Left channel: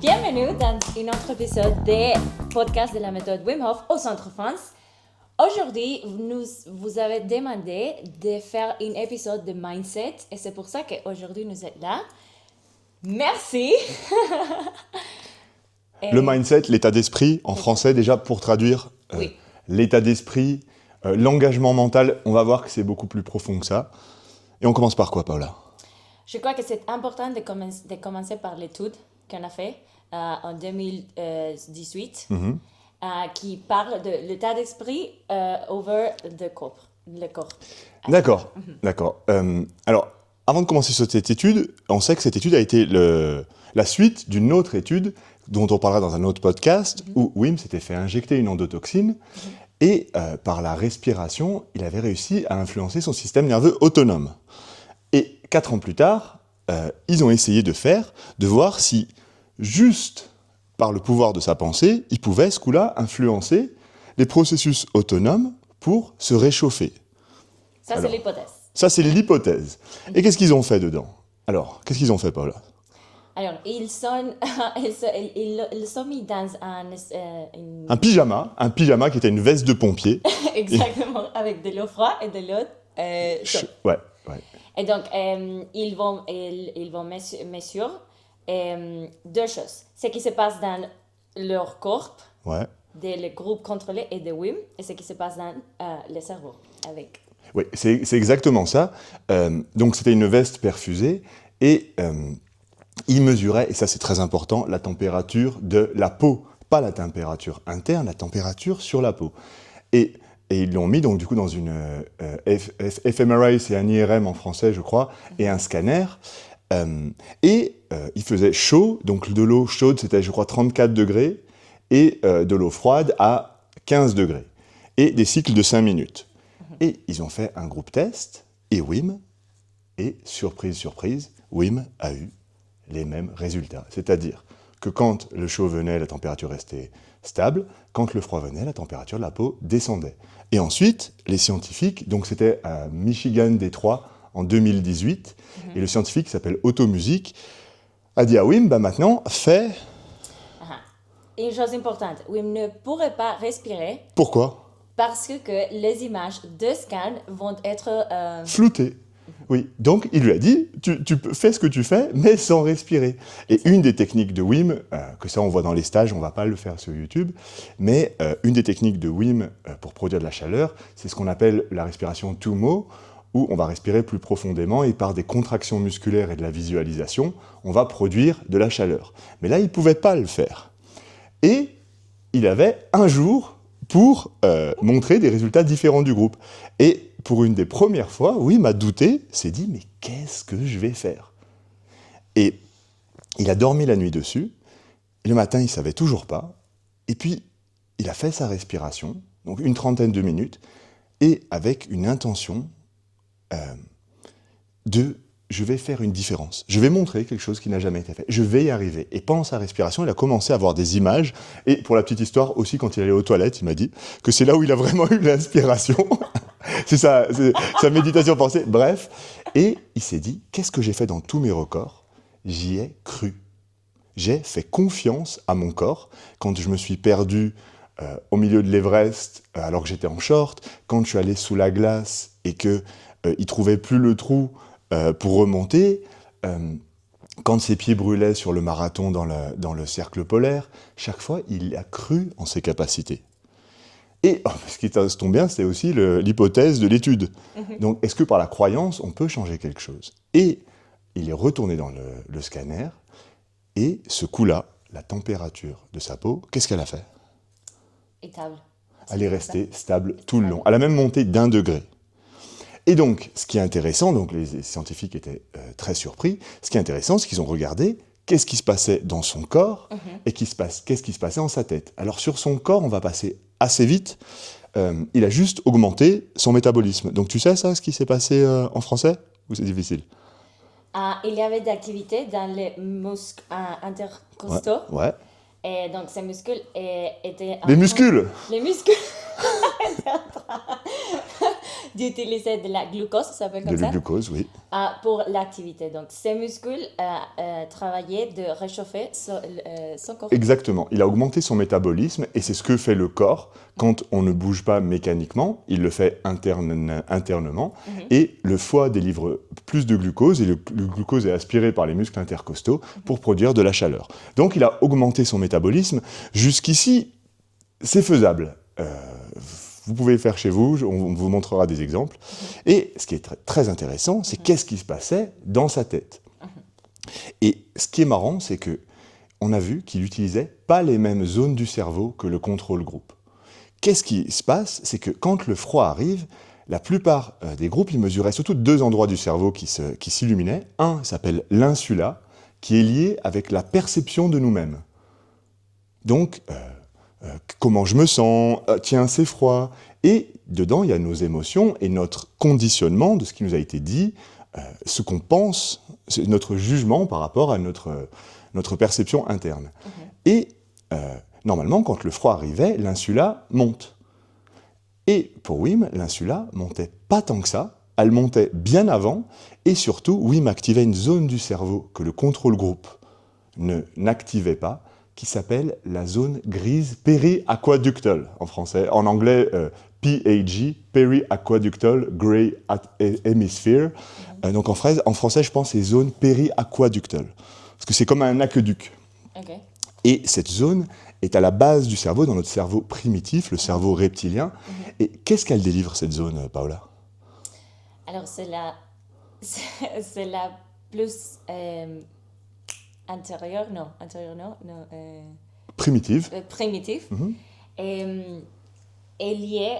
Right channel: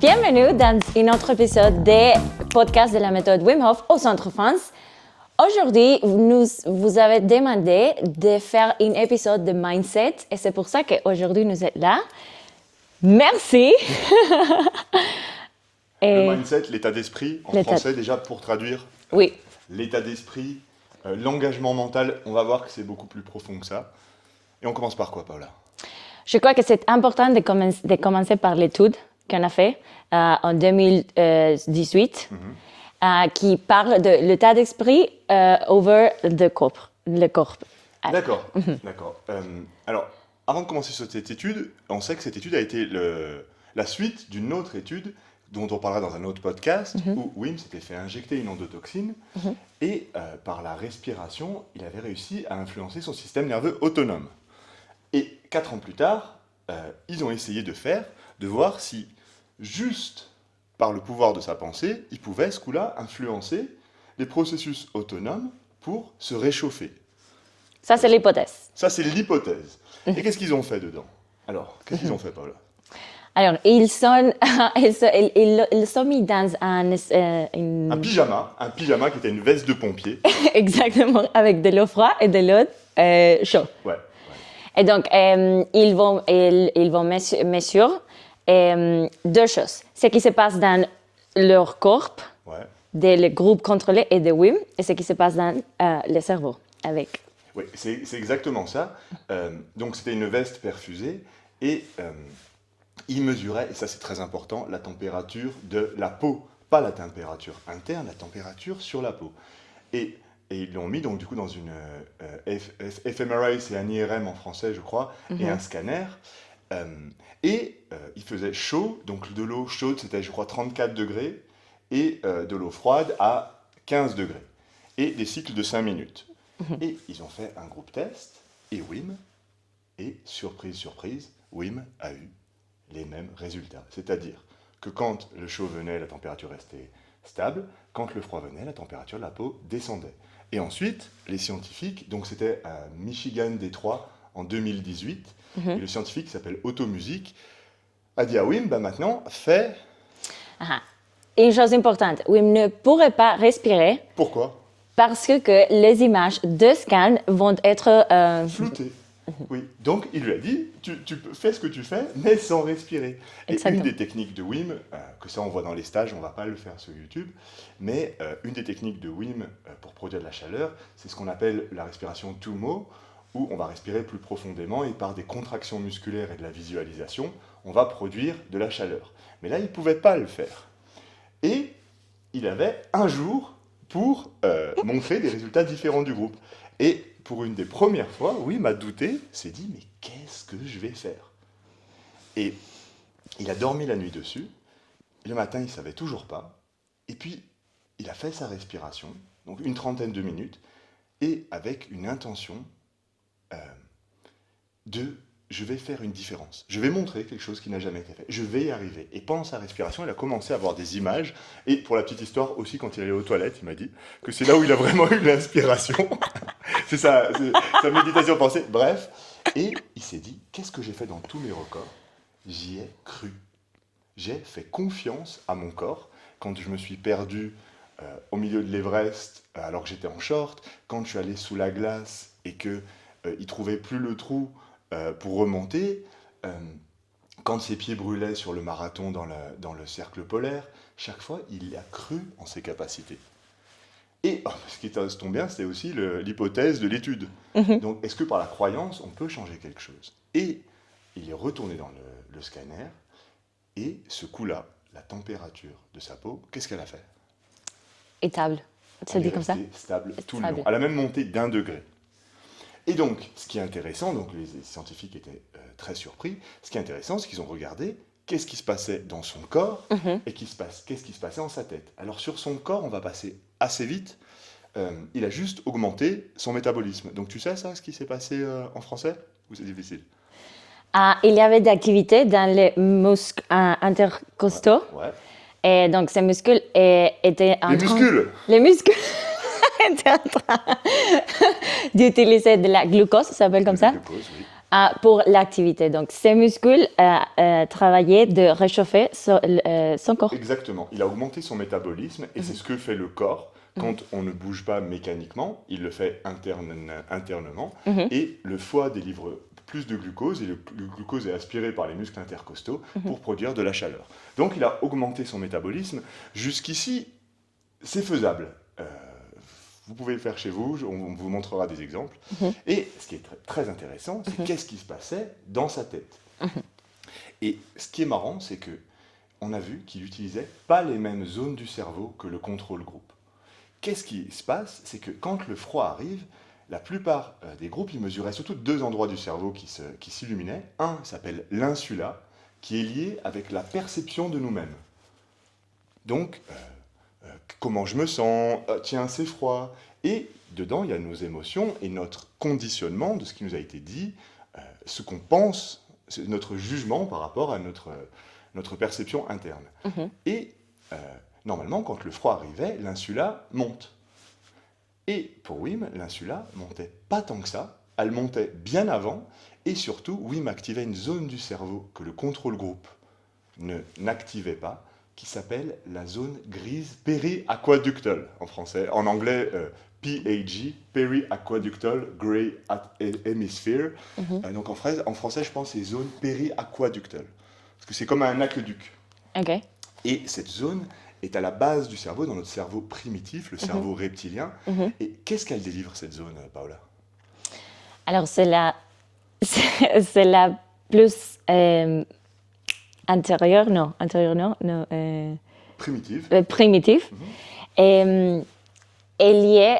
Bienvenue dans un autre épisode des podcasts de la méthode Wim Hof au Centre France. Aujourd'hui, vous avez demandé de faire un épisode de mindset et c'est pour ça qu'aujourd'hui nous êtes là. Merci. Le mindset, l'état d'esprit, en français déjà pour traduire. Oui. L'état d'esprit, l'engagement mental, on va voir que c'est beaucoup plus profond que ça. Et on commence par quoi, Paula? Je crois que c'est important de commencer par l'étude qu'on a fait en 2018, qui parle de l'état d'esprit over le corps. D'accord, d'accord. Alors, avant de commencer cette étude, on sait que cette étude a été la suite d'une autre étude dont on parlera dans un autre podcast, où Wim s'était fait injecter une endotoxine et par la respiration, il avait réussi à influencer son système nerveux autonome. Et 4 ans plus tard, ils ont essayé de voir si, juste par le pouvoir de sa pensée, il pouvait, ce coup-là, influencer les processus autonomes pour se réchauffer. Ça, c'est l'hypothèse. Ça, c'est l'hypothèse. Et qu'est-ce qu'ils ont fait dedans? Alors, qu'est-ce qu'ils ont fait, Paula? Alors, ils sont mis dans Un pyjama qui était une veste de pompier. Exactement, avec de l'eau froide et de l'eau chaude. Ouais. Et donc, ils vont mesurer deux choses. Ce qui se passe dans leur corps, des groupes contrôlés et de Wim, et ce qui se passe dans le cerveau avec. Oui, c'est exactement ça. Donc, c'était une veste perfusée et il mesurait, et ça c'est très important, la température de la peau. Pas la température interne, la température sur la peau. Et ils l'ont mis donc du coup dans une fMRI, c'est un IRM en français je crois, et un scanner. Il faisait chaud, donc de l'eau chaude c'était je crois 34 degrés, et de l'eau froide à 15 degrés. Et des cycles de 5 minutes. Et ils ont fait un groupe test, et surprise, surprise, Wim a eu les mêmes résultats. C'est-à-dire que quand le chaud venait, la température restait stable, quand le froid venait, la température de la peau descendait. Et ensuite, les scientifiques, donc c'était à Michigan Détroit en 2018, et le scientifique qui s'appelle Otto Music a dit à Wim, maintenant, fais... Une chose importante, Wim ne pourrait pas respirer. Pourquoi? Parce que les images de scan vont être... floutées. Oui, donc il lui a dit, tu fais ce que tu fais, mais sans respirer. Exactement. Et une des techniques de Wim, que ça on voit dans les stages, on ne va pas le faire sur YouTube, mais une des techniques de Wim pour produire de la chaleur, c'est ce qu'on appelle la respiration Tummo, où on va respirer plus profondément et par des contractions musculaires et de la visualisation, on va produire de la chaleur. Mais là, il ne pouvait pas le faire. Et il avait un jour pour montrer des résultats différents du groupe. Et pour une des premières fois, Wim a douté, s'est dit « mais qu'est-ce que je vais faire ?» Et il a dormi la nuit dessus, le matin il ne savait toujours pas, et puis il a fait sa respiration, donc une trentaine de minutes, et avec une intention de « je vais faire une différence, je vais montrer quelque chose qui n'a jamais été fait, je vais y arriver ». Et pendant sa respiration, il a commencé à avoir des images, et pour la petite histoire aussi, quand il allait aux toilettes, il m'a dit que c'est là où il a vraiment eu l'inspiration. C'est sa méditation pensée, bref. Et il s'est dit, qu'est-ce que j'ai fait dans tous mes records? J'y ai cru. J'ai fait confiance à mon corps. Quand je me suis perdu au milieu de l'Everest, alors que j'étais en short, quand je suis allé sous la glace et qu'il ne trouvait plus le trou pour remonter, quand ses pieds brûlaient sur le marathon dans le cercle polaire, chaque fois, il a cru en ses capacités. Et ce qui tombe bien, c'était aussi l'hypothèse de l'étude. Donc, est-ce que par la croyance, on peut changer quelque chose? Et il est retourné dans le scanner, et ce coup-là, la température de sa peau, qu'est-ce qu'elle a fait? Stable. Elle est restée stable tout le long. Elle a même monté d'1 degré. Et donc, ce qui est intéressant, donc les scientifiques étaient très surpris, ce qui est intéressant, c'est qu'ils ont regardé qu'est-ce qui se passait dans son corps et qu'est-ce qui se passait dans sa tête. Alors sur son corps, on va passer assez vite. Il a juste augmenté son métabolisme. Donc tu sais ça, ce qui s'est passé en français? Ou c'est difficile? Il y avait d'activité dans les muscles intercostaux. Ouais. Et donc ces muscles étaient en Les muscles étaient en train d'utiliser de la glucose, ça s'appelle comme ça. De la glucose, oui. pour l'activité. Donc, ses muscles travaillaient de réchauffer son corps. Exactement. Il a augmenté son métabolisme et c'est ce que fait le corps quand on ne bouge pas mécaniquement. Il le fait internement et le foie délivre plus de glucose et le glucose est aspiré par les muscles intercostaux pour produire de la chaleur. Donc, il a augmenté son métabolisme. Jusqu'ici, c'est faisable. Vous pouvez le faire chez vous, on vous montrera des exemples. Et ce qui est très intéressant, c'est qu'est-ce qui se passait dans sa tête. Et ce qui est marrant, c'est qu'on a vu qu'il n'utilisait pas les mêmes zones du cerveau que le contrôle groupe. Qu'est-ce qui se passe? C'est que quand le froid arrive, la plupart des groupes, ils mesuraient surtout 2 endroits du cerveau qui s'illuminaient. Un s'appelle l'insula, qui est lié avec la perception de nous-mêmes. Donc, comment je me sens, tiens, c'est froid. Et dedans, il y a nos émotions et notre conditionnement de ce qui nous a été dit, ce qu'on pense, c'est notre jugement par rapport à notre perception interne. Et normalement, quand le froid arrivait, l'insula monte. Et pour Wim, l'insula montait pas tant que ça, elle montait bien avant, et surtout, Wim activait une zone du cerveau que le contrôle groupe n'activait pas, qui s'appelle la zone grise périaquaductale en français. En anglais, PAG, Periaquaductal Grey Hemisphere. Donc en français, je pense c'est zone périaquaductale. Parce que c'est comme un aqueduc. Okay. Et cette zone est à la base du cerveau, dans notre cerveau primitif, le cerveau reptilien. Et qu'est-ce qu'elle délivre, cette zone, Paola? Alors, c'est la plus antérieure, non, Primitive. primitive. Et est liée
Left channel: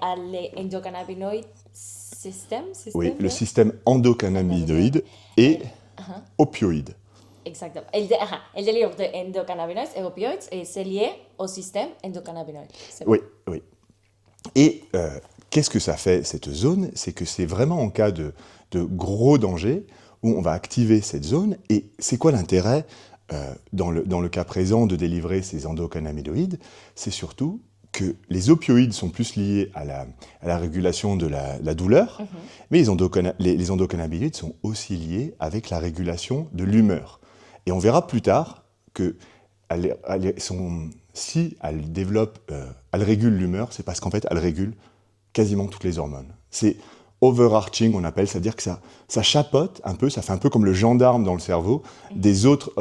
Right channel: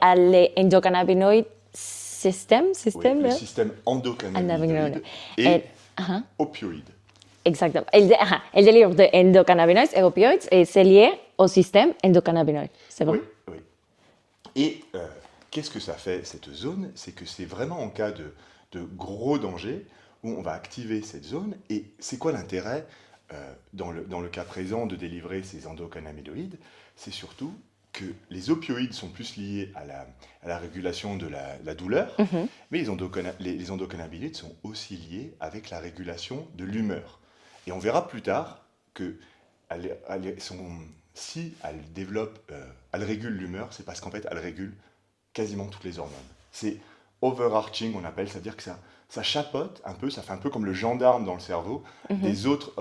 à l'endocannabinoïde système. Oui, le système endocannabinoïde et opioïde. Exactement. Elle délivre de endocannabinoïdes et opioïdes et c'est lié au système endocannabinoïde. C'est vrai. Oui. Et qu'est-ce que ça fait, cette zone? C'est que c'est vraiment en cas de gros danger où on va activer cette zone. Et c'est quoi l'intérêt, dans le cas présent, de délivrer ces endocannabinoïdes? C'est surtout que les opioïdes sont plus liés à la régulation de la douleur, mais les endocannabinoïdes sont aussi liés avec la régulation de l'humeur. Et on verra plus tard que si elles développent, elles régulent l'humeur, c'est parce qu'en fait, elles régulent quasiment toutes les hormones. C'est overarching, on appelle, c'est-à-dire que ça chapeaute un peu, ça fait un peu comme le gendarme dans le cerveau des autres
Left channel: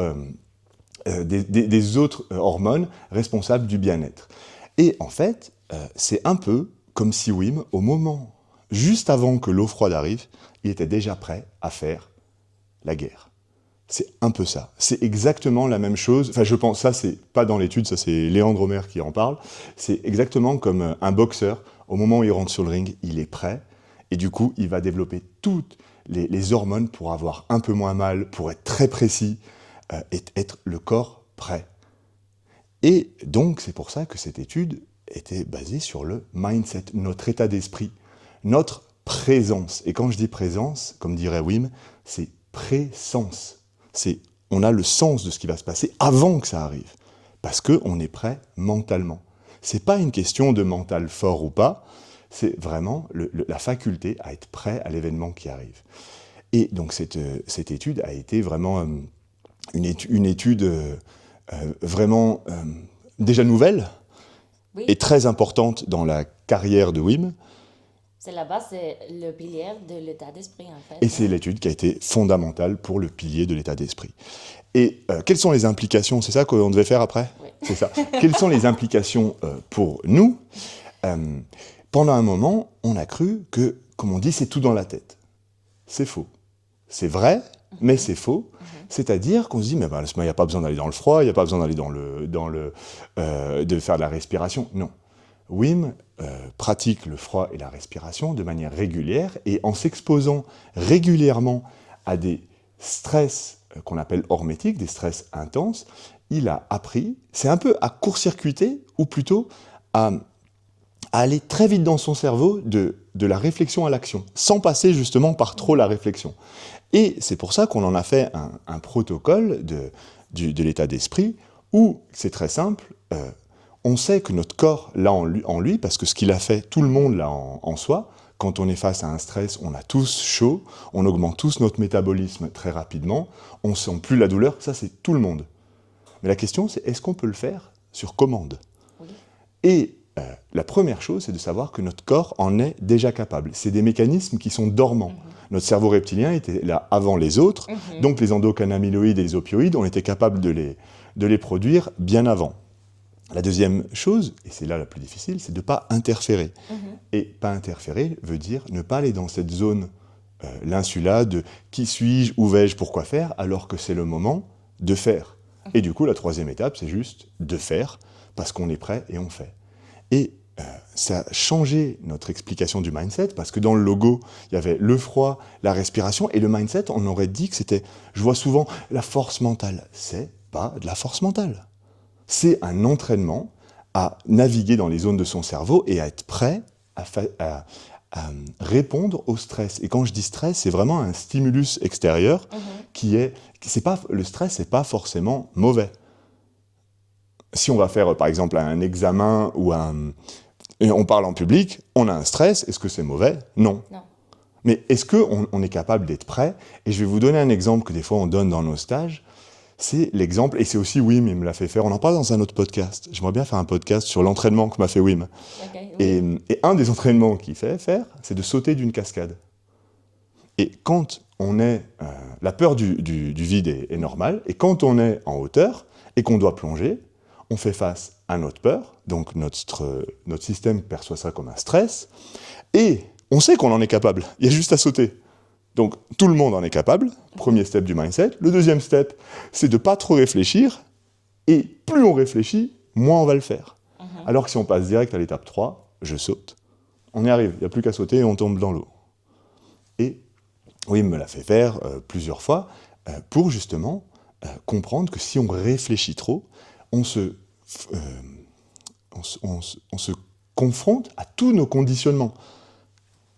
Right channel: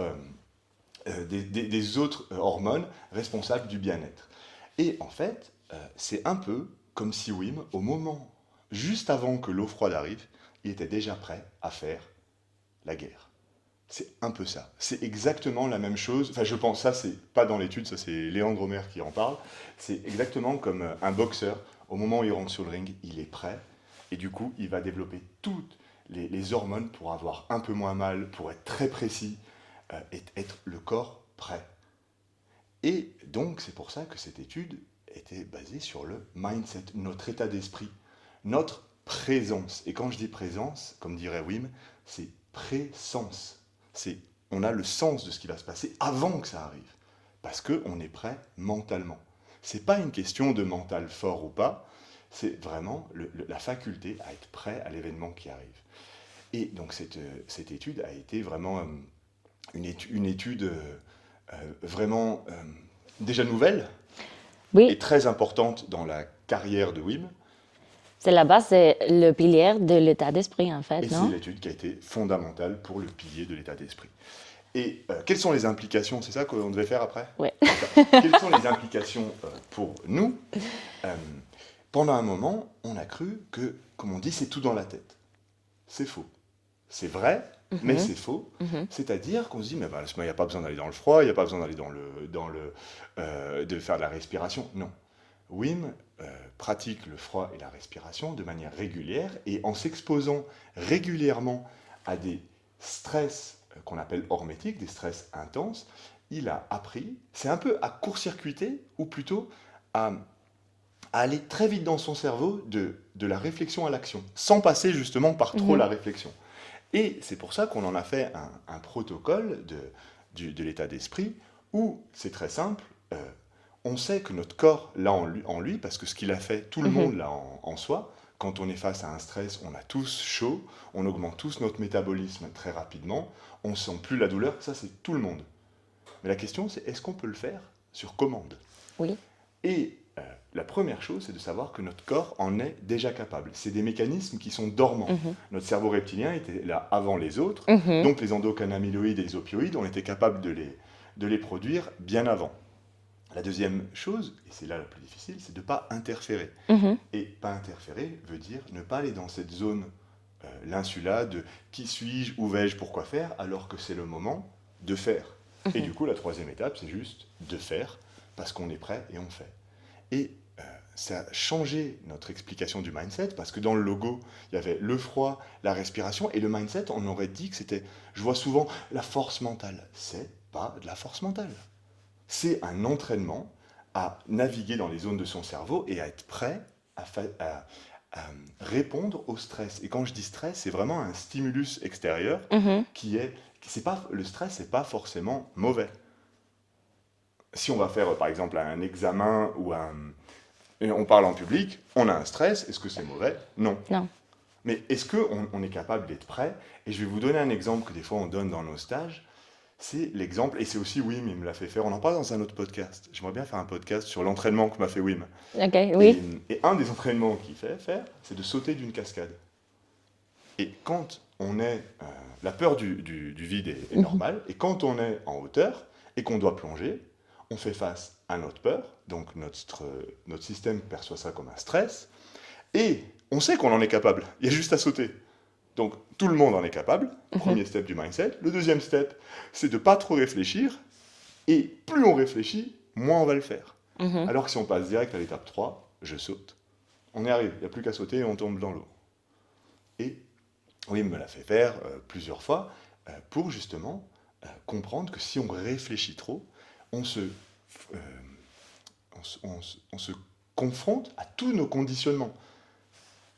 hormones responsables du bien-être. Et en fait, c'est un peu comme si Wim, au moment, juste avant que l'eau froide arrive, il était déjà prêt à faire la guerre. C'est un peu ça. C'est exactement la même chose. Enfin, je pense, ça, c'est pas dans l'étude, ça, c'est Léandre Homer qui en parle. C'est exactement comme un boxeur. Au moment où il rentre sur le ring, il est prêt. Et du coup, il va développer toutes les hormones pour avoir un peu moins mal, pour être très précis, et être le corps prêt. Et donc, c'est pour ça que cette étude était basée sur le mindset, notre état d'esprit, notre présence. Et quand je dis présence, comme dirait Wim, c'est présence. On a le sens de ce qui va se passer avant que ça arrive, parce qu'on est prêt mentalement. Ce n'est pas une question de mental fort ou pas, c'est vraiment la faculté à être prêt à l'événement qui arrive. Et donc cette étude a été vraiment une étude vraiment déjà nouvelle et très importante dans la carrière de Wim. C'est la base, c'est le pilier de l'état d'esprit, en fait. Et c'est l'étude qui a été fondamentale pour le pilier de l'état d'esprit. Et quelles sont les implications? C'est ça qu'on devait faire après? Oui. C'est ça. Quelles sont les implications pour nous? Pendant un moment, on a cru que, comme on dit, c'est tout dans la tête. C'est faux. C'est vrai, mais c'est faux. C'est-à-dire qu'on se dit, mais ben, il n'y a pas besoin d'aller dans le froid, il n'y a pas besoin d'aller de faire de la respiration. Non. Wim pratique le froid et la respiration de manière régulière et en s'exposant régulièrement à des stress qu'on appelle hormétiques, des stress intenses, il a appris, c'est un peu à court-circuiter ou plutôt à aller très vite dans son cerveau de la réflexion à l'action, sans passer justement par trop la réflexion. Et c'est pour ça qu'on en a fait un protocole de l'état d'esprit où c'est très simple, on sait que notre corps l'a en lui, parce que ce qu'il a fait, tout le monde l'a en soi, quand on est face à un stress, on a tous chaud, on augmente tous notre métabolisme très rapidement, on ne sent plus la douleur, ça c'est tout le monde. Mais la question c'est, est-ce qu'on peut le faire sur commande ? Oui. Et la première chose, c'est de savoir que notre corps en est déjà capable. C'est des mécanismes qui sont dormants. Notre cerveau reptilien était là avant les autres, donc les endocannabinoïdes et les opioïdes ont été capables de les produire bien avant. La deuxième chose, et c'est là la plus difficile, c'est de ne pas interférer. Et pas interférer veut dire ne pas aller dans cette zone, l'insula, de qui suis-je, où vais-je, pourquoi faire, alors que c'est le moment de faire. Et du coup, la troisième étape, c'est juste de faire, parce qu'on est prêt et on fait. Et ça a changé notre explication du mindset, parce que dans le logo, il y avait le froid, la respiration, et le mindset, on aurait dit que c'était, je vois souvent, la force mentale. C'est pas de la force mentale. C'est un entraînement à naviguer dans les zones de son cerveau et à être prêt à répondre au stress. Et quand je dis stress, c'est vraiment un stimulus extérieur le stress, c'est pas forcément mauvais. Si on va faire, par exemple, un examen et on parle en public, on a un stress, est-ce que c'est mauvais ? Non. Mais est-ce qu'on est capable d'être prêt ? Et je vais vous donner un exemple que des fois on donne dans nos stages. C'est l'exemple, et c'est aussi Wim, il me l'a fait faire. On en parle dans un autre podcast. J'aimerais bien faire un podcast sur l'entraînement que m'a fait Wim. Oui. Et un des entraînements qu'il fait faire, c'est de sauter d'une cascade. Et quand on est... la peur du vide est normale, et quand on est en hauteur et qu'on doit plonger, on fait face à notre peur, donc notre système perçoit ça comme un stress, et on sait qu'on en est capable. Il y a juste à sauter. Donc, tout le monde en est capable, premier step du mindset. Le deuxième step, c'est de ne pas trop réfléchir, et plus on réfléchit, moins on va le faire. Alors que si on passe direct à l'étape 3, je saute, on y arrive, il n'y a plus qu'à sauter et on tombe dans l'eau. Et oui, il me l'a fait faire plusieurs fois, pour justement comprendre que si on réfléchit trop, on se confronte à tous nos conditionnements.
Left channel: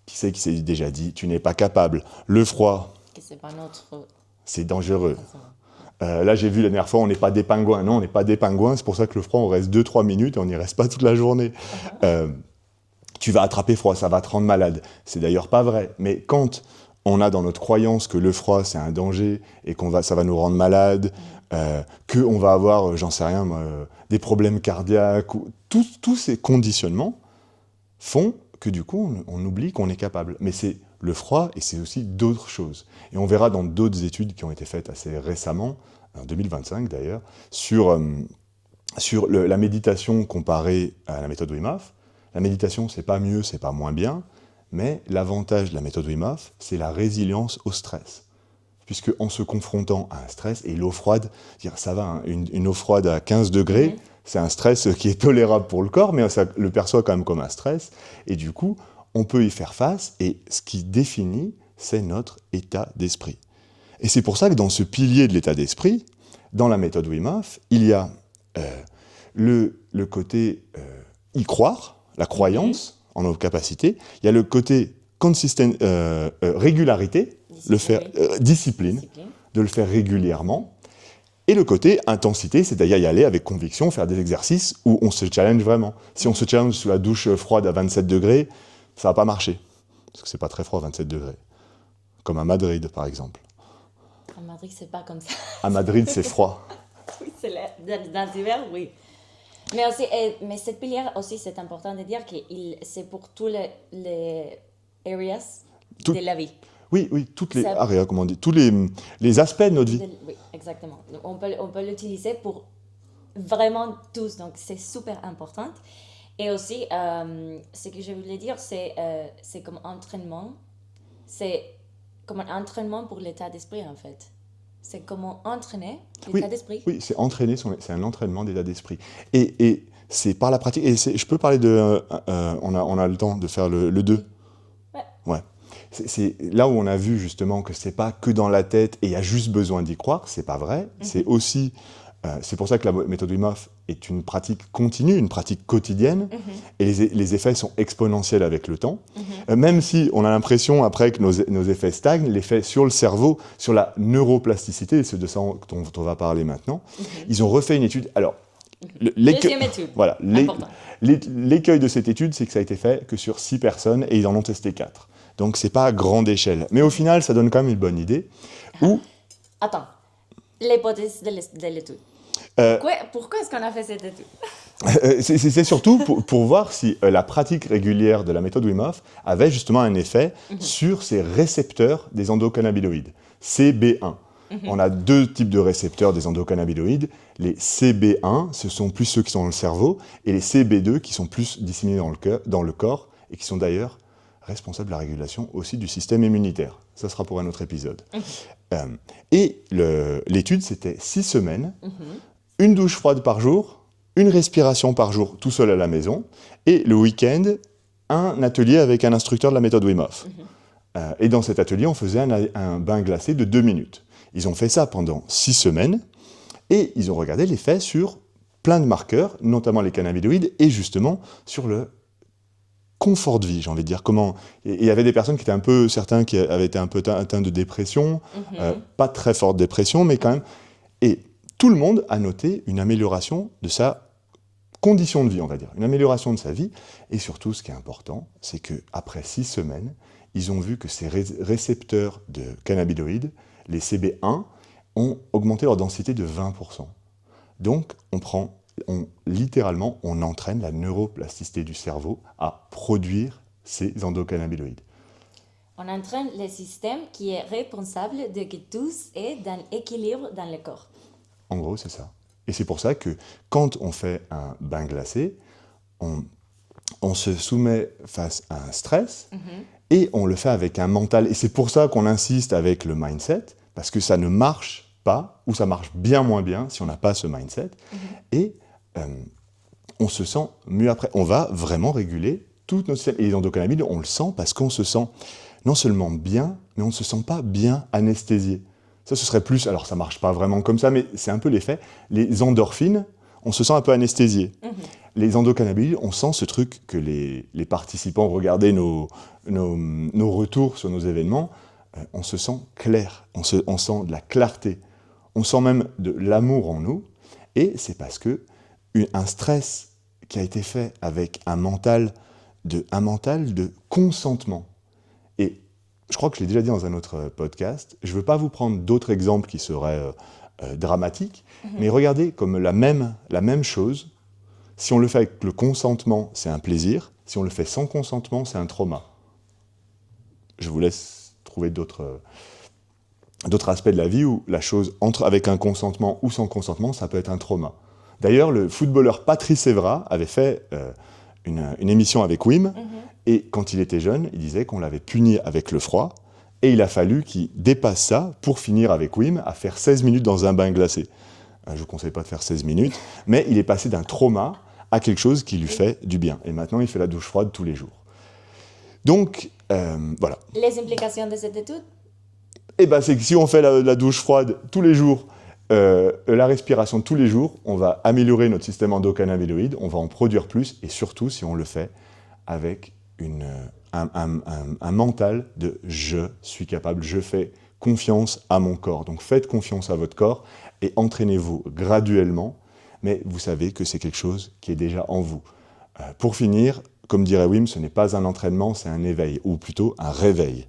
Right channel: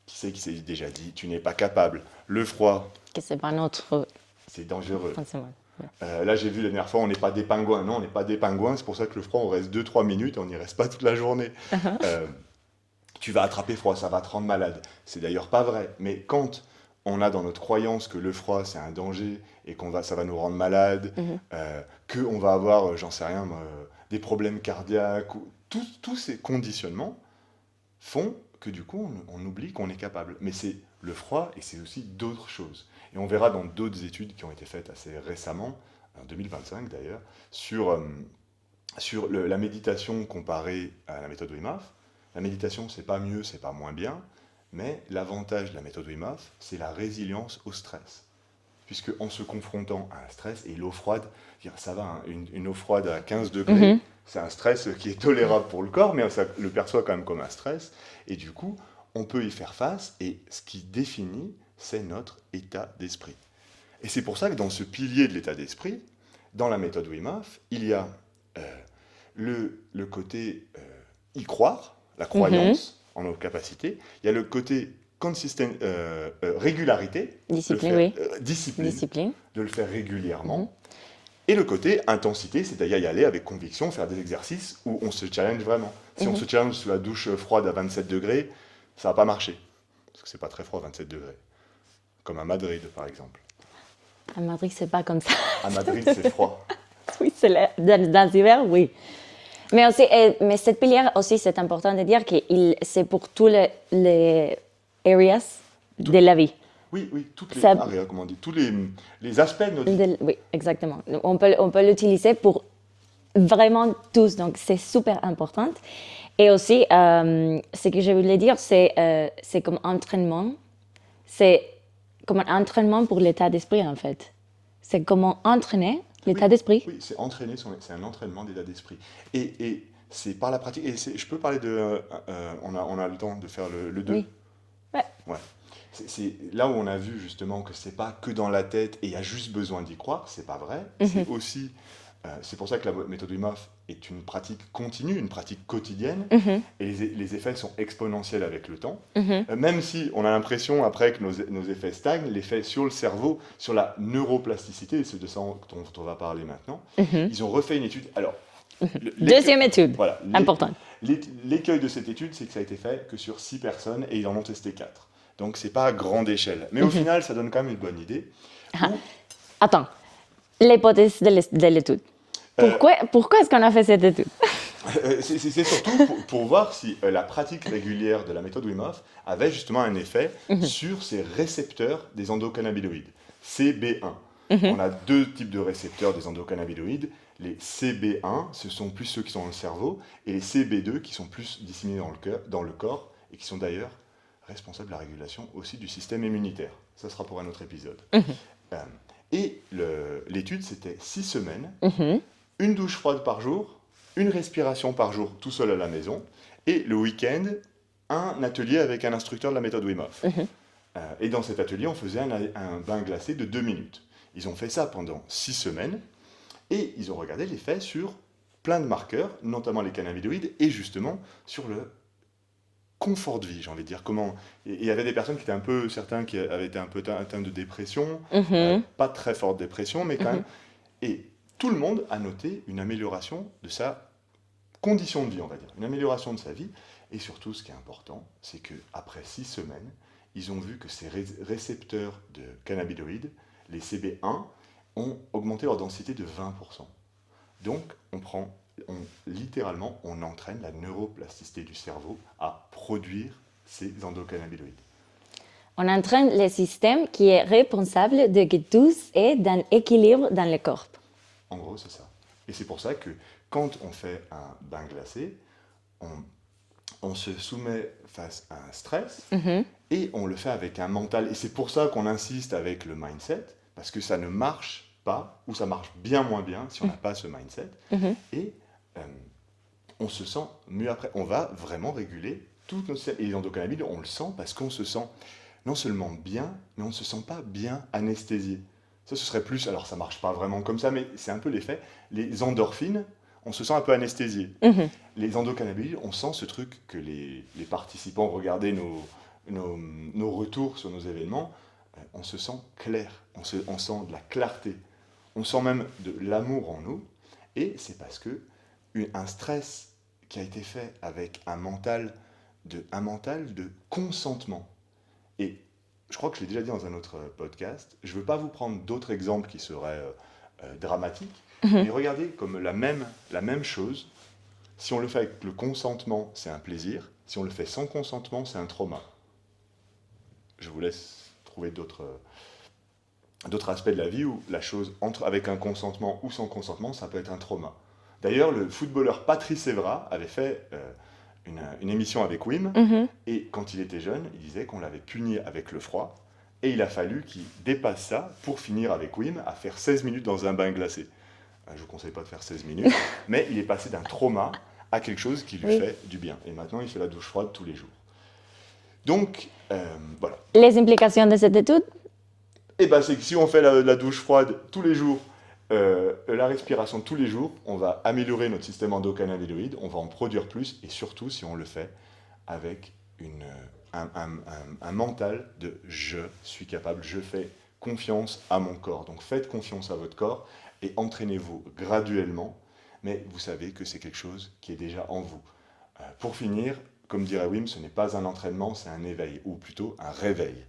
Qui c'est qui s'est déjà dit, tu n'es pas capable, le froid, Que c'est pas notre... c'est dangereux. Forcément. Là, j'ai vu la dernière fois, on n'est pas des pingouins. Non, on n'est pas des pingouins, c'est pour ça que le froid, on reste 2-3 minutes et on n'y reste pas toute la journée. Tu vas attraper froid, ça va te rendre malade. C'est d'ailleurs pas vrai, mais quand on a dans notre croyance que le froid, c'est un danger et ça va nous rendre malade, qu'on va avoir, j'en sais rien, des problèmes cardiaques, tous ces conditionnements font que du coup, on oublie qu'on est capable. Mais c'est le froid et c'est aussi d'autres choses. Et on verra dans d'autres études qui ont été faites assez récemment, en 2025 d'ailleurs, sur la méditation comparée à la méthode Wim Hof. La méditation, c'est pas mieux, c'est pas moins bien, mais l'avantage de la méthode Wim Hof, c'est la résilience au stress. Puisque en se confrontant à un stress, et l'eau froide, ça va, hein, une eau froide à 15 degrés, c'est un stress qui est tolérable pour le corps, mais ça le perçoit quand même comme un stress. Et du coup, on peut y faire face, et ce qui définit, c'est notre état d'esprit. Et c'est pour ça que dans ce pilier de l'état d'esprit, dans la méthode Wim Hof, il y a le côté y croire, la croyance en nos capacités, il y a le côté régularité, discipline, de le faire régulièrement, et le côté intensité, c'est-à-dire y aller avec conviction, faire des exercices où on se challenge vraiment. Si on se challenge sous la douche froide à 27 degrés, ça ne va pas marcher, parce que c'est pas très froid 27 degrés, comme à Madrid par exemple. À Madrid, c'est pas comme ça. À Madrid, c'est froid. Oui, dans l'hiver, oui. Mais aussi, mais cette pilière aussi, c'est important de dire que c'est pour tous les areas de la vie. Oui, toutes les areas, comment on dit, tous les aspects de notre vie. Oui, exactement. On peut l'utiliser pour vraiment tous, donc c'est super important. Et aussi, ce que je voulais dire, c'est comme entraînement. C'est comme un entraînement pour l'état d'esprit, en fait. C'est comment entraîner l'état d'esprit. Oui, c'est un entraînement d'état d'esprit. Et c'est par la pratique. Et je peux parler de... on a le temps de faire le 2. Oui. Ouais. C'est là où on a vu justement que c'est pas que dans la tête et il y a juste besoin d'y croire, c'est pas vrai. C'est aussi... c'est pour ça que la méthode Wim Hof est une pratique continue, une pratique quotidienne, et les effets sont exponentiels avec le temps. Même si on a l'impression après que nos effets stagnent, l'effet sur le cerveau, sur la neuroplasticité, et c'est de ça dont on va parler maintenant, ils ont refait une étude. Alors, Deuxième étude, voilà, important. L'écueil de cette étude, c'est que ça a été fait que sur 6 personnes et ils en ont testé 4. Donc, c'est pas à grande échelle. Mais au final, ça donne quand même une bonne idée. Attends, l'hypothèse de l'étude. Pourquoi est-ce qu'on a fait cette étude? C'est surtout pour voir si la pratique régulière de la méthode Wim Hof avait justement un effet sur ces récepteurs des endocannabinoïdes, CB1. On a 2 types de récepteurs des endocannabinoïdes. Les CB1, ce sont plus ceux qui sont dans le cerveau, et les CB2 qui sont plus disséminés dans le corps et qui sont d'ailleurs responsables de la régulation aussi du système immunitaire. Ça sera pour un autre épisode. Et l'étude, c'était 6 semaines, une douche froide par jour, une respiration par jour tout seul à la maison, et le week-end, un atelier avec un instructeur de la méthode Wim Hof. Et dans cet atelier, on faisait un bain glacé de 2 minutes. Ils ont fait ça pendant 6 semaines, et ils ont regardé l'effet sur plein de marqueurs, notamment les cannabinoïdes, et justement sur le confort de vie, j'ai envie de dire. Il y avait des personnes certains qui avaient été un peu atteints de dépression, pas très forte dépression, mais quand même. Et tout le monde a noté une amélioration de sa condition de vie, on va dire, une amélioration de sa vie. Et surtout, ce qui est important, c'est qu'après 6 semaines, ils ont vu que ces récepteurs de cannabinoïdes, les CB1, ont augmenté leur densité de 20%. Donc, littéralement, on entraîne la neuroplasticité du cerveau à produire ces endocannabinoïdes. On entraîne le système qui est responsable de que tout est dans l'équilibre dans le corps. En gros, c'est ça. Et c'est pour ça que quand on fait un bain glacé, on se soumet face à un stress et on le fait avec un mental. Et c'est pour ça qu'on insiste avec le mindset, parce que ça ne marche pas, ou ça marche bien moins bien si on n'a pas ce mindset. Et on se sent mieux après. On va vraiment réguler tout notre système. Et les endocannabinoïdes, on le sent parce qu'on se sent non seulement bien, mais on ne se sent pas bien anesthésié. Ça, ce serait plus... Alors, ça ne marche pas vraiment comme ça, mais c'est un peu l'effet. Les endorphines, on se sent un peu anesthésié. Les endocannabinoïdes, on sent ce truc que les participants regardaient nos retours sur nos événements. On se sent clair, on sent de la clarté. On sent même de l'amour en nous. Et c'est parce que un stress qui a été fait avec un mental de consentement. Et je crois que je l'ai déjà dit dans un autre podcast, je ne veux pas vous prendre d'autres exemples qui seraient dramatiques, mais regardez comme la même chose. Si on le fait avec le consentement, c'est un plaisir. Si on le fait sans consentement, c'est un trauma. Je vous laisse trouver d'autres aspects de la vie où la chose avec un consentement ou sans consentement, ça peut être un trauma. D'ailleurs, le footballeur Patrice Evra avait fait une émission avec Wim, et quand il était jeune, il disait qu'on l'avait puni avec le froid, et il a fallu qu'il dépasse ça pour finir avec Wim à faire 16 minutes dans un bain glacé. Je ne vous conseille pas de faire 16 minutes, mais il est passé d'un trauma à quelque chose qui lui fait du bien. Et maintenant, il fait la douche froide tous les jours. Donc, voilà. Les implications de cette étude? C'est que si on fait la douche froide tous les jours, la respiration tous les jours, on va améliorer notre système endocannabinoïde, on va en produire plus, et surtout si on le fait avec un mental de « je suis capable, je fais confiance à mon corps ». Donc faites confiance à votre corps et entraînez-vous graduellement, mais vous savez que c'est quelque chose qui est déjà en vous. Pour finir, comme dirait Wim, ce n'est pas un entraînement, c'est un éveil, ou plutôt un réveil.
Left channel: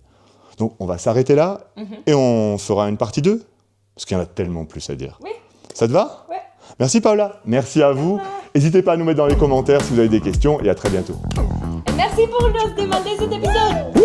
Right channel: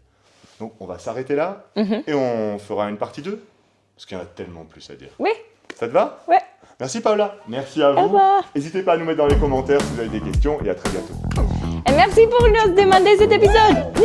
Donc on va s'arrêter là, et on fera une partie 2. Parce qu'il y en a tellement plus à dire. Oui. Ça te va? Ouais. Merci Paola. Merci à vous. N'hésitez pas à nous mettre dans les commentaires si vous avez des questions et à très bientôt. Et merci pour nous demander cet épisode.